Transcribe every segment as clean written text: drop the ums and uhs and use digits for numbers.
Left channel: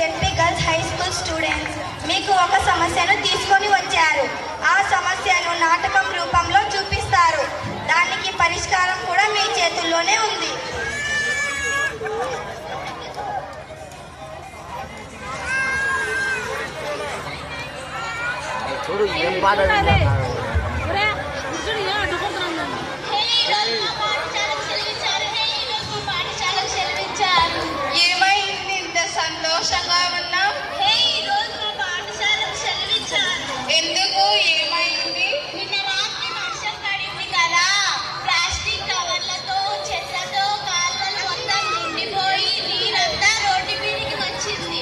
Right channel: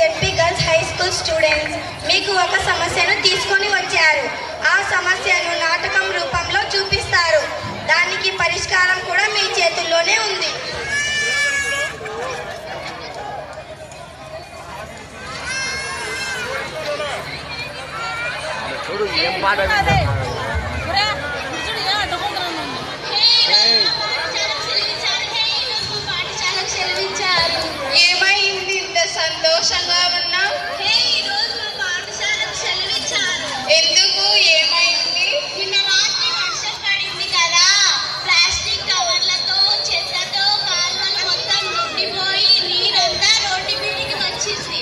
ZP girls high school students. మీకు ఒక సమస్యను తీసుకొని వచ్చారు. ఆ సమస్యను నాటకం రూపంలో చూపిస్తారు. దానికి పరిష్కారం కూడా మీ చేతుల్లోనే ఉంది. ఏమైంది ఇంత సంతోషంగా ఉన్నా? ఎందుకు? ఏమైంది? నిన్న రాత్రి వర్షం పడింది కదా, ప్లాస్టిక్ కవర్లతో చెత్తతో కాలువలు మొత్తం నిండిపోయి నీరంతా రోడ్డు మీదకి వచ్చింది.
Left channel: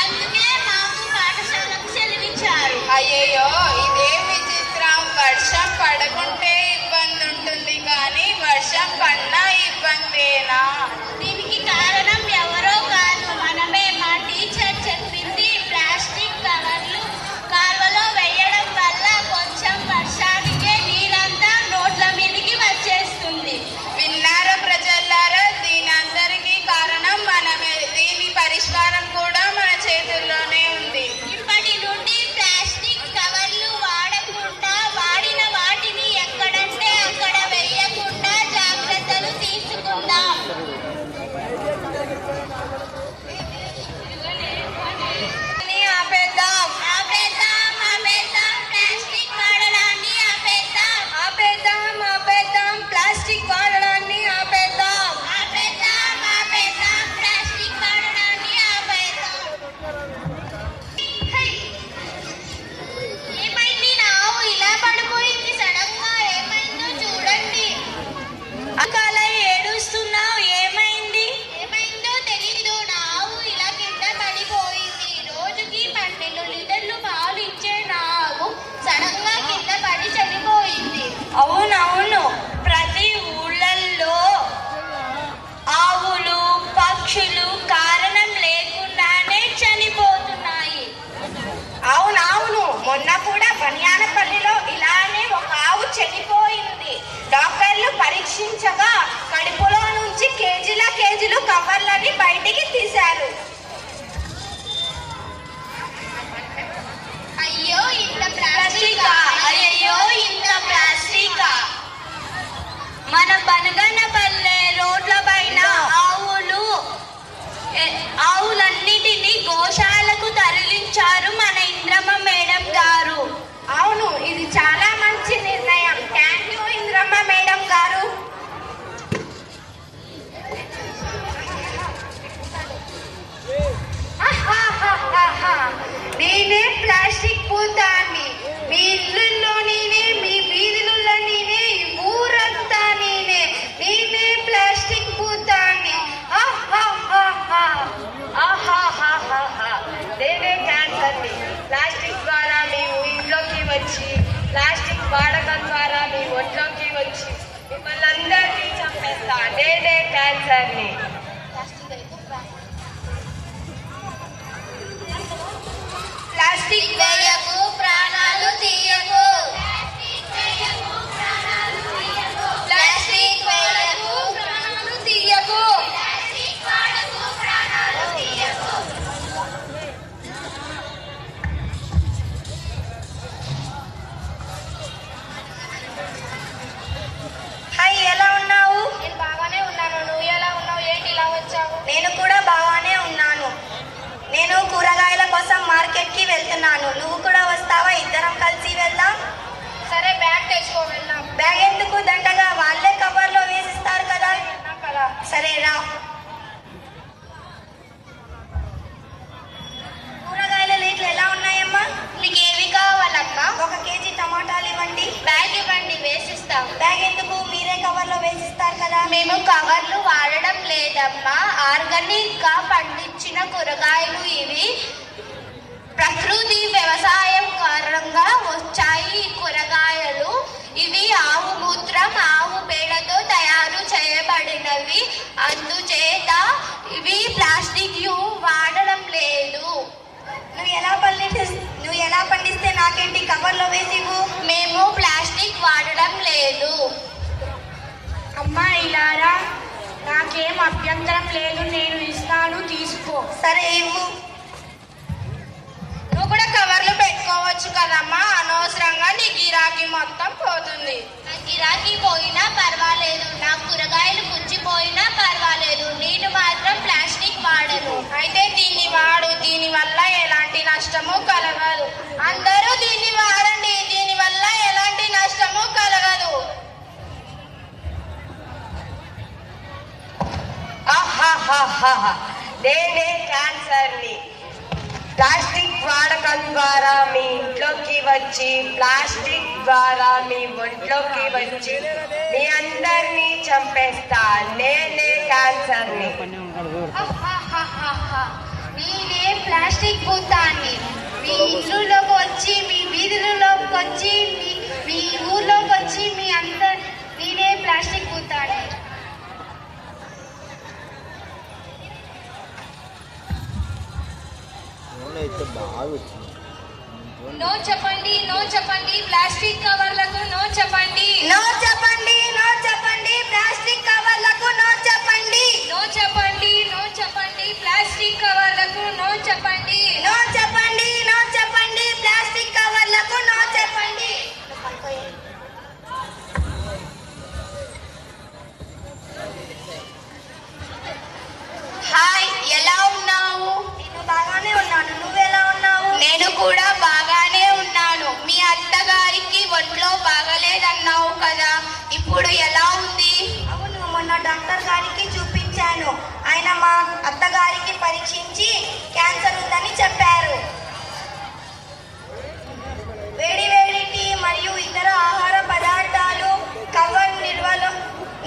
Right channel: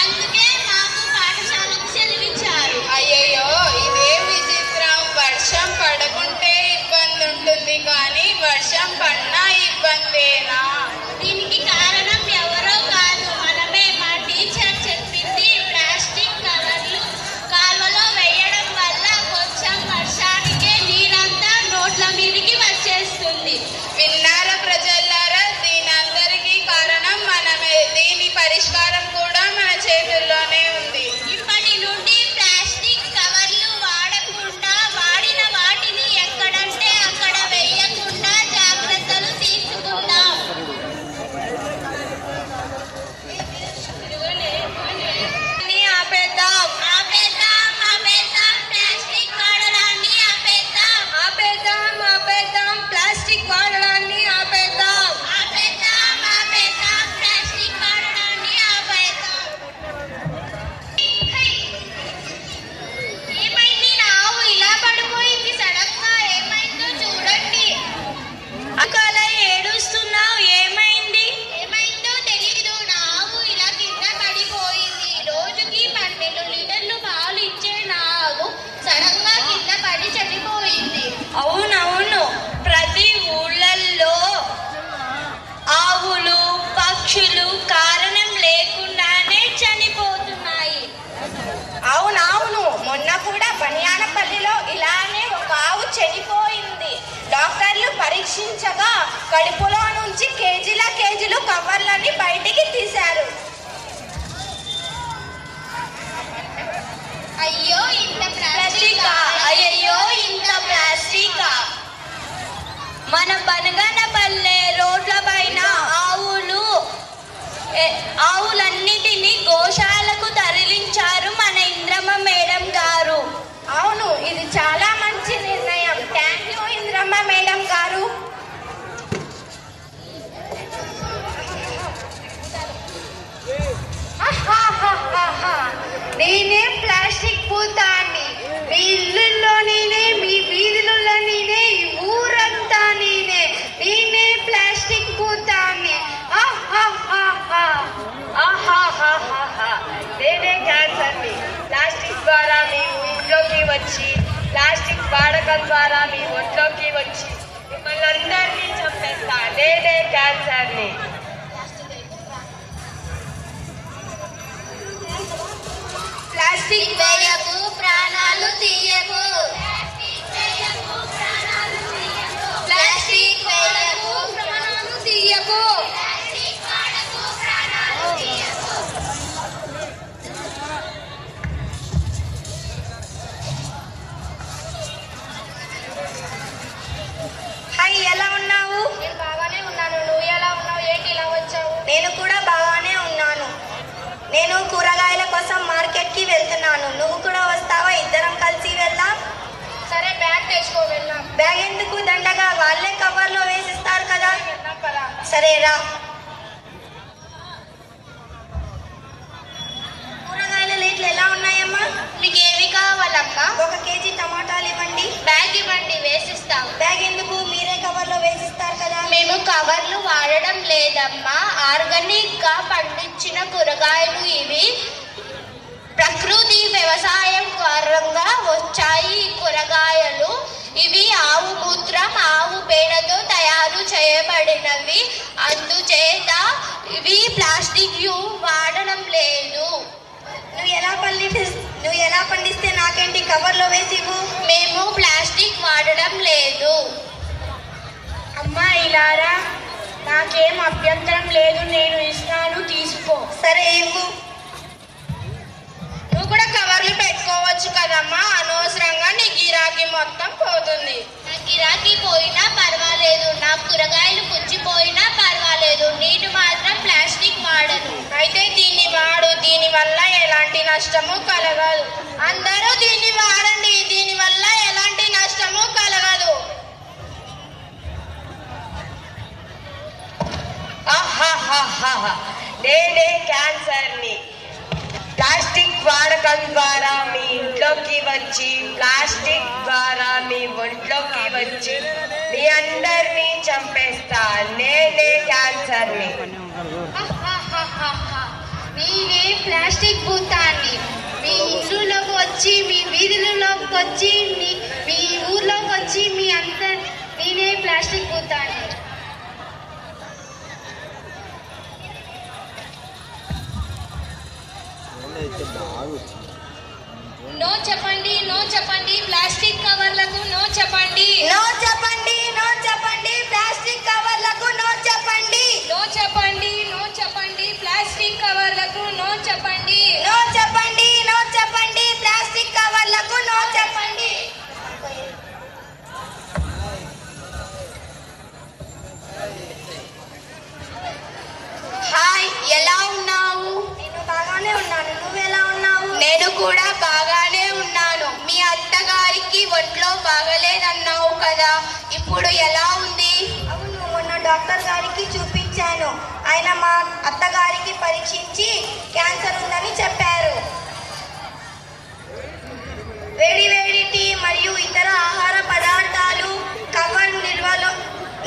అందుకే మాకు పాఠశాలకు సెలవిచ్చారు. అయ్యయ్యో, ఇదే విచిత్రం. వర్షం పడకుంటే ఇబ్బంది ఉంటుంది, కానీ వర్షం పడినా ఇబ్బందేనా? దీనికి కారణం ఎవరో కాదు, మనమే. మా టీచర్ చెప్పింది, ప్లాస్టిక్ కవర్లు కాలువలో వేయడం వల్ల కొంచెం వర్షానికే నీరంతా రోడ్ల మీదకి వచ్చేస్తుంది. విన్నారా ప్రజలారా? దీనందరికీ కారణం మనమే. దీని పరిష్కారం కూడా మన చేతుల్లోనే ఉంది. ఇప్పటి నుండి ప్లాస్టిక్ కవర్లు వాడకుండా, వాడిన వాటిని ఎక్కడంటే అక్కడ వేయకుండా జాగ్రత్తలు తీసుకుందాం. ఆపేద్దాం, ప్లాస్టిక్ వాడడాన్ని ఆపేద్దాం. ప్లాస్టిక్ వాడడాన్ని ఆపేద్దాం. ప్లాస్టిక్ వాడడాన్ని ఆపేద్దాం. ఏమైంది? నా ఆవు ఇలా పడిపోయింది సడన్ గా. ఏమైందో చూడండి. అకాల ఏడుస్తున్నావు, ఏమైంది? ఏమైందో తెలీదు. నా ఆవు ఇలా కింద పడిపోయింది. రోజుకి 12 లీటర్లు పాలు ఇచ్చే నా ఆవు సడన్ గా కింద పడి చనిపోయింది. అవునవును, ప్రతి ఊళ్ళల్లో ఆవులు పక్షులు కారణం లేకుండానే చనిపోతున్నాయి. అవునవును, మొన్న కూడా బనియానపల్లిలో ఇలానే ఒక ఆవు చనిపోయింది. డాక్టర్లు పరీక్షించగా కడుపులో నుంచి కేజీలు కవర్లని బయటికి తీశారు. అయ్యో, ఇంత ప్లాస్టిక్. అయ్యయ్యో, ఇంత ప్లాస్టికా! మన బనగనపల్లె రోడ్ల పైన ఆవులన్నిటినీ గోశాలకు తరలించారు మన ఇంద్రమ్మ మేడం గారు. అవును, ఇది చాలా మంచి నిర్ణయం. థ్యాంక్ యూ ఇంద్రమ్మ మేడం గారు. నేనే ప్లాస్టిక్ పూతాన్ని. మీ ఇల్లుల్లో నేనే, మీ వీధులలో నేనే, ఈ ఊరంతా నేనే. నేనే ప్లాస్టిక్ పూతాన్ని. నేనే క్యాన్సర్ని. ప్లాస్టిక్ ద్వారా మీ ఇంట్లోకి వచ్చి, ప్లాస్టిక్ వాడకం ద్వారా మీ ఒంట్లోకి వచ్చి మిమ్మల్ని అందరినీ చంపేస్తా. నేనే క్యాన్సర్ని. ప్లాస్టిక్ వేయకు, ప్రాణాలు తీయకు. ప్లాస్టిక్ వేయకు, ప్రాణాలు తీయకు. హాయ్, ఎలా ఉన్నావు? నేను బాగానే ఉన్నాను. నువ్వు ఎలా ఉన్నావు? ఏంటి ఇలా వచ్చావు? నేను కూడా బాగానే ఉన్నాను. నేను కూరగాయల కోసం మార్కెట్కి వెళ్తున్నాను. నువ్వు కూడా వస్తావా? ఇద్దరం కలిసి వెళ్దాం. సరే, బ్యాగ్ తెచ్చుకో, వెళ్దాం. బ్యాగ్ ఎందుకు? దండగా వాళ్ళే కవర్లో వేసిస్తారు కదా. సరే రా. కూరగాయల రేట్లు ఎలా ఉన్నాయమ్మా? మీకు ఏమి కావాలమ్మా? 1 కేజీ టమాటాలు ఇవ్వండి. బ్యాగ్ ఇవ్వండి, వేసిస్తాం. బ్యాగ్ ఎందుకు? మీరే కవర్లో వేసిస్తారు కదా. మేము కవర్లు వాడడం లేదమ్మా. ఆర్గానిక్ గా పండించిన కూరగాయలు ఇవి. ప్రకృతి వ్యవసాయం కారణంగా వచ్చాయి ఈ కూరగాయలు. ఇవి ఆవు మూత్రం, ఆవు పేడతో తయారు చేయబడినవి. అందుచేత ఇవి ప్లాస్టిక్ వాడడం లేదు. నువ్వు ఎలా పండిస్తే నాకేంటి? కవర్లో వేసి ఇవ్వు. మేము ప్లాస్టిక్ వాడడం లేదు. అమ్మా ఇలారా. నాకేం అభ్యంతరం లేదు, నేను ఇస్తాను, తీసుకో. సరే ఇవ్వు. మొత్తం పోతుంది. నా గిరాకీ పోయినా పర్వాలేదు, నా కూరగాయలు పుచ్చిపోయినా పర్వాలేదు, నేను మాత్రం ప్లాస్టిక్ వాడను. అయితే దీన్ని వాడు, దీని వల్ల ఎలాంటి నష్టము కలగదు. అందరూ దీన్ని వాడండి, దీని వల్ల ఎలాంటి నష్టము కలగదు. ఆహాహాహా. నేనే క్యాన్సర్ని. ప్లాస్టిక్ వాడకం ద్వారా మీ ఇంట్లోకి వచ్చి, ప్లాస్టిక్ ద్వారా మీ ఒంట్లోకి వచ్చి మీ అందరినీ చంపేస్తా. నేనే క్యాన్సర్ని. నేనే ప్లాస్టిక్ భూతాన్ని. మీ ఇల్లులోకి వచ్చి, మీ వీధులలోకి వచ్చి, మీ ఊర్లోకి వచ్చి, మీ అందరి నేనే ప్లాస్టిక్ భూతాన్ని. నో చెప్పండి, నో చెప్పండి ప్లాస్టిక్ కవర్లకు, నో చెప్పండి. నో చెప్పండి, నో చెప్పండి ప్లాస్టిక్ కవర్లకు, నో చెప్పండి. నో చెప్పండి, నో చెప్పండి ప్లాస్టిక్ కవర్లకు, నో చెప్పండి. నో చెప్పండి, నో చెప్పండి ప్లాస్టిక్ కవర్లకు, నో చెప్పండి. హాయ్, ఎలా ఉన్నావు? నేను బాగానే ఉన్నాను. నువ్వెలా ఉన్నావు? నేను కూడా బాగానే ఉన్నాను. మీ అత్తగారికి ఒంట్లో బాగలేదన్నావు కదా, ఇప్పుడు ఎలా ఉంది? అవును, మొన్న డాక్టర్ గారికి చూపించాను. ఆయన మా అత్తగారికి పరీక్షించి క్యాన్సర్ ఉందని చెప్పారు. వేడి వేడి టీ మరియు ఇతర ఆహార పదార్థాలు కవర్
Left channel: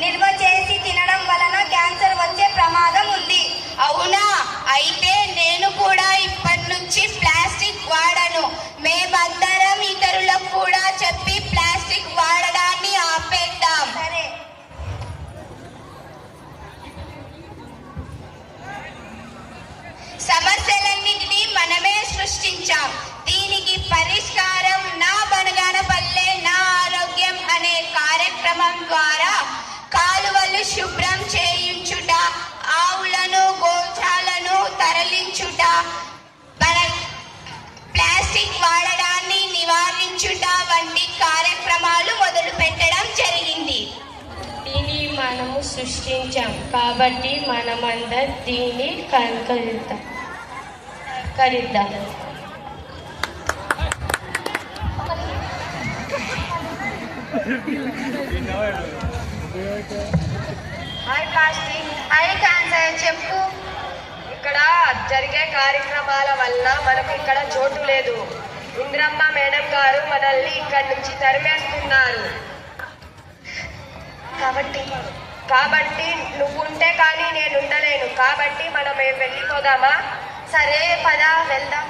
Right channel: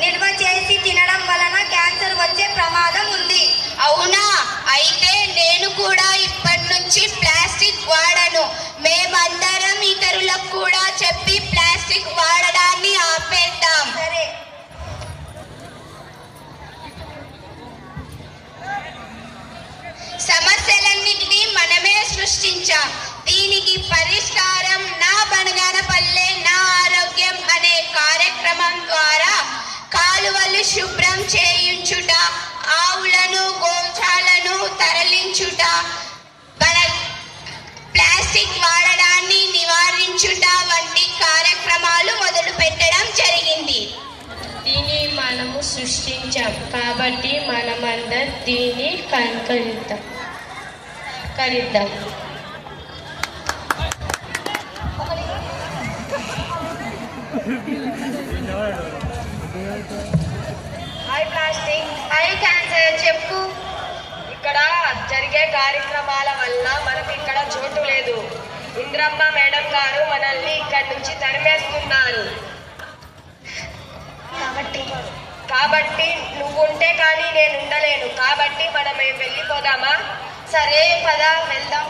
నిల్వ చేసి తినడం వలన క్యాన్సర్ వచ్చే ప్రమాదం ఉంది. అవునా? అయితే నేను కూడా ఇప్పటి నుంచి ప్లాస్టిక్ వాడను. మేమందరం ఇతరులకు కూడా చెప్పి ప్లాస్టిక్ వాడడాన్ని ఆపేద్దాం. సరే. సమస్యలన్నిటినీ మనమే సృష్టించాం. దీనికి పరిష్కారం నా బనగానపల్లె నా ఆరోగ్యం అనే కార్యక్రమం ద్వారా కాలువలు శుభ్రం చేయించుట, ఆవులను గోశాలను తరలించుట, ప్లాస్టిక్ వాడడాన్ని నివారించుట వంటి కార్యక్రమాలు మొదలు పెట్టడం జరిగింది. దీన్ని మనము సృష్టించాం కాబట్టి మనమందరం దీన్ని కరిద్దాం. Hi plastic. హాయ్ క్యాన్సర్, చెప్పు. ఇక్కడ జరిగే కార్యక్రమాల వల్ల మనకు ఇక్కడ చోటు లేదు. ఇంద్రమ్మ మేడం గారు మనల్ని ఇక్కడి నుంచి తరిమేస్తున్నారు. కాబట్టి నువ్వుంటే కానీ నేను ఉండలేను. కాబట్టి మనం వెళ్ళిపోదామా? సరే, పద వెళ్దాం.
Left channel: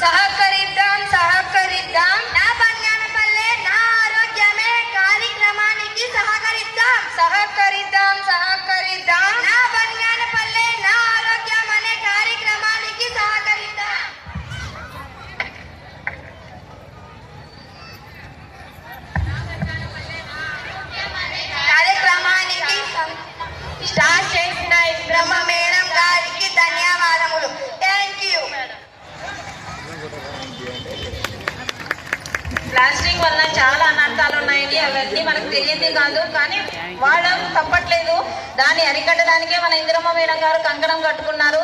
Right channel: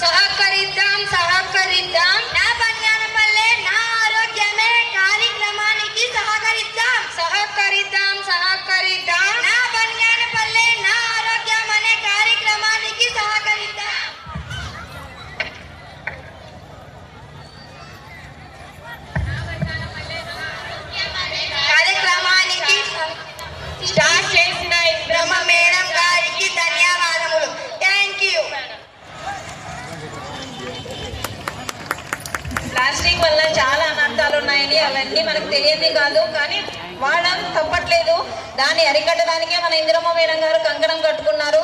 సహకరిద్దాం, సహకరిద్దాం. నా బంగానపల్లె నా ఆరోగ్యమే కార్యక్రమానికి సహకరిద్దాం. సహకరిద్దాం, సహకరిద్దాం. నా బంగానపల్లె నా ఆరోగ్యం అనే కార్యక్రమానికి సహకరిద్దాం. కార్యక్రమానికి స్టార్ట్ చేసిన ఇంద్రమ్మ మేడం గారికి ధన్యవాదములు. Thank you. ప్లాస్టిక్ వల్ల చాలా అనర్థాలు ఉన్నాయని అవన్నీ మనకు తెలియదు కాదు, కానీ వాడడం తప్పట్లేదు. దాన్ని అరికట్టడానికే మన ఇందిరమ్మ మేడం గారు కంకణం కట్టుకున్నారు.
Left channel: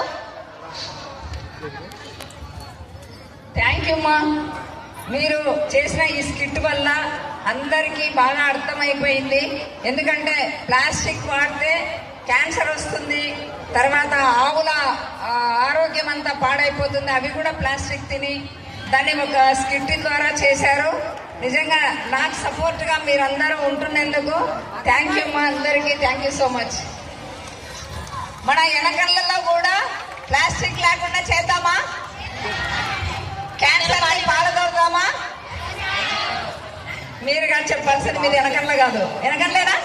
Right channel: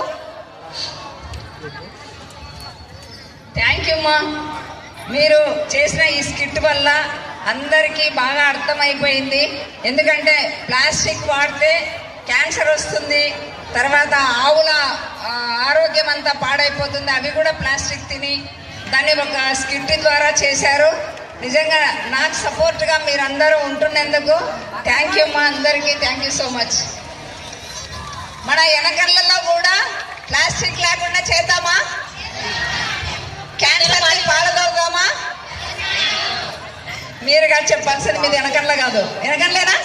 థ్యాంక్ యూ అమ్మా. మీరు చేసిన ఈ స్కిట్ వల్ల అందరికీ బాగా అర్థమైపోయింది. ఎందుకంటే ప్లాస్టిక్ వాడితే క్యాన్సర్ వస్తుంది, తర్వాత ఆవుల ఆరోగ్యం అంతా పాడైపోతుంది. అవి కూడా ప్లాస్టిక్ తిని దాన్ని ఒక స్కిట్ ద్వారా చేశారు. నిజంగా నాకు సపోర్ట్గా మీరందరూ ఉంటున్నందుకు థ్యాంక్ యూ అమ్మా. అందరికీ థ్యాంక్ యూ సో మచ్. మన వెనకళ్ళలో కూడా ప్లాస్టిక్ లేకుండా చేద్దామా? క్యాన్సర్ పాల్గొదామా? మీరుగా చెప్పాల్సింది మీది వెనకండ్ల కాదు, వెనకండ్లేనా?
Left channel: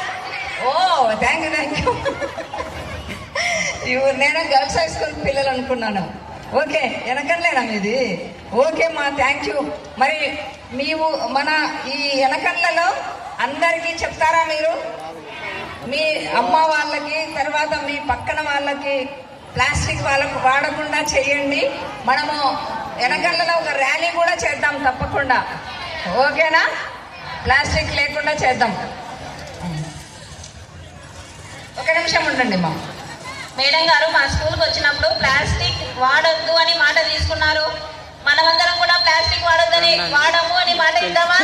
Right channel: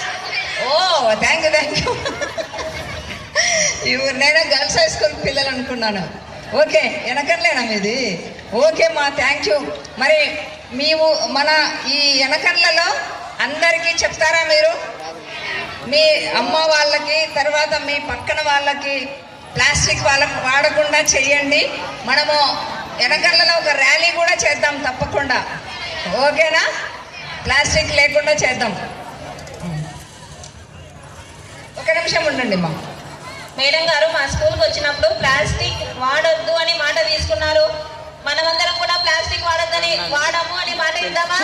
ఓ థ్యాంక్ యూ. నేను గర్ల్స్ హై స్కూల్ పిల్లలు అనుకున్నాను. ఓకే, వెనకండ్లేనా మీది? ఓకే మా థ్యాంక్ యూ. మరి మన ఈ వెనకండ్లలో అందరికీ చెప్తారా మీరు? మీ అమ్మ వాళ్ళకి, తర్వాత మీ పక్కన వాళ్ళకి ప్లాస్టిక్ వాళ్ళకు వాడకుండా చేయండి. మనము వెనకల్లో ఒక ర్యాలీ కూడా చేద్దాం తప్పకుండా. ఓకేనా? ప్లాస్టిక్ లేకుండా చేద్దాం. ఒక నిమిషం ఉండండి మా మేడం గారు మా స్కూల్కి వచ్చినప్పుడు ప్లాస్టిక్ వాడొద్దు అని మాట తీసుకున్నారు. మనమందరం కూడా ప్లాస్టిక్ వాడొద్దని వాడము అని మాట ఇద్దామా?